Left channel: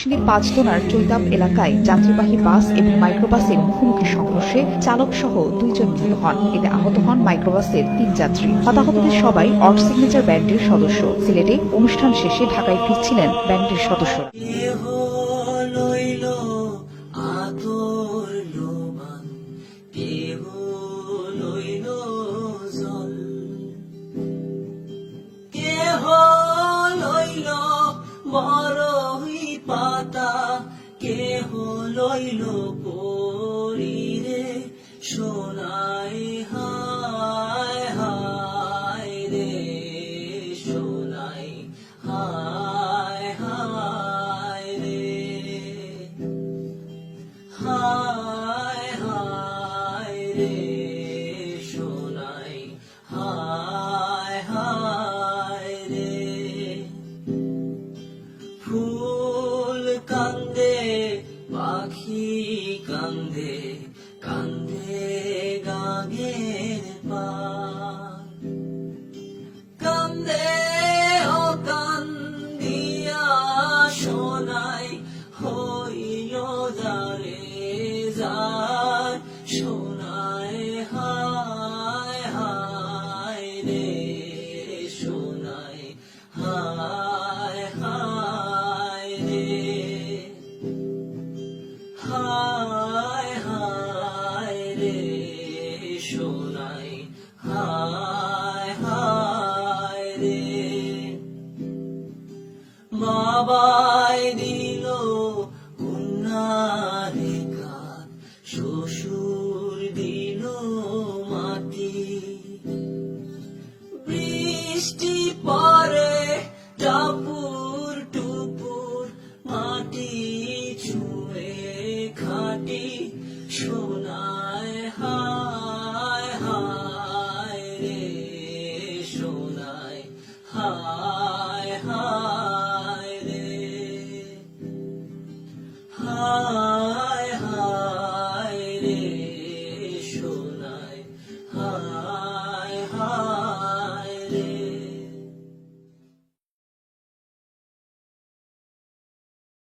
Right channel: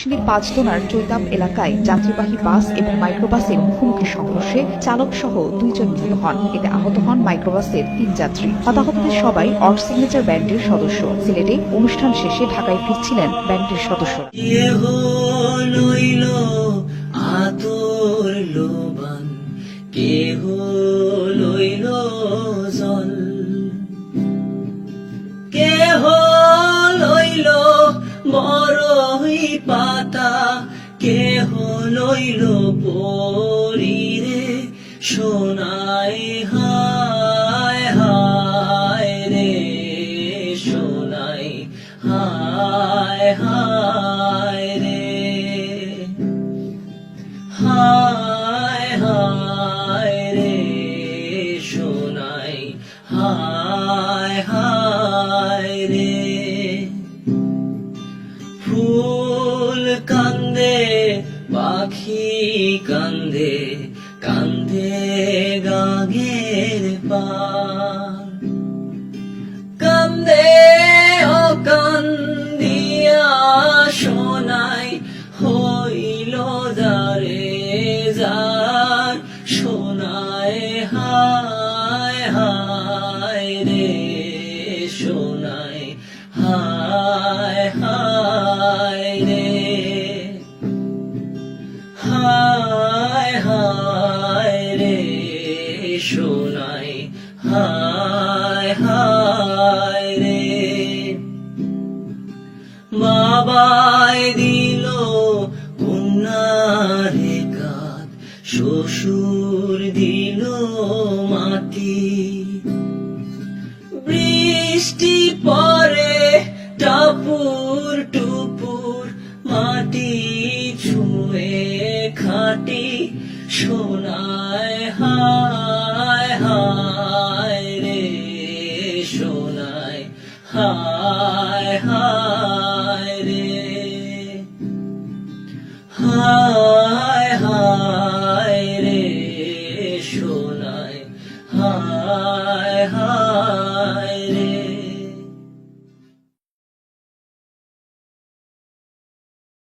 নরসিংদীর পাঁচদোনার চৈতাব এলাকায় যাত্রীবাহী বাস এবং মাইক্রোবাসের মুখোমুখি সংঘর্ষে চালক সহ 2 জন নিহত হন। এতে আহত হন মাইক্রোবাসের 3 যাত্রী। হতাহতদের সবাই অড সিগনেচার ব্যান্ডের সদস্য। সিলেটে অনুষ্ঠান শেষে ঢাকায় ফিরছিলেন ব্যান্ডের সদস্যরা। বড়ই পাতা কেহ লইল পরিরে সোনাই হায় হায় রে সোনাই হায় হায় রে হায় হায় রে সোনাই হায় হায় রে ফুল কান্দে পাখি কান্দে কান্দে গাগের পার কান্দে ও কান্দিয়া সোনাই হইল দারে যার সোনাই হায় হায় রে সোনাই হায় হায় রে হায় হায় রে সোনাই হায় হায় রে বাবাই দিল কন্যারে কাঁদ শ্বশুর দিল মাটি বৃষ্টি পরে টাপুর টুপুর মাটি ছুঁয়ে খাটি সোনায় হায় হায় রে সোনায় হায় হায় রে হায়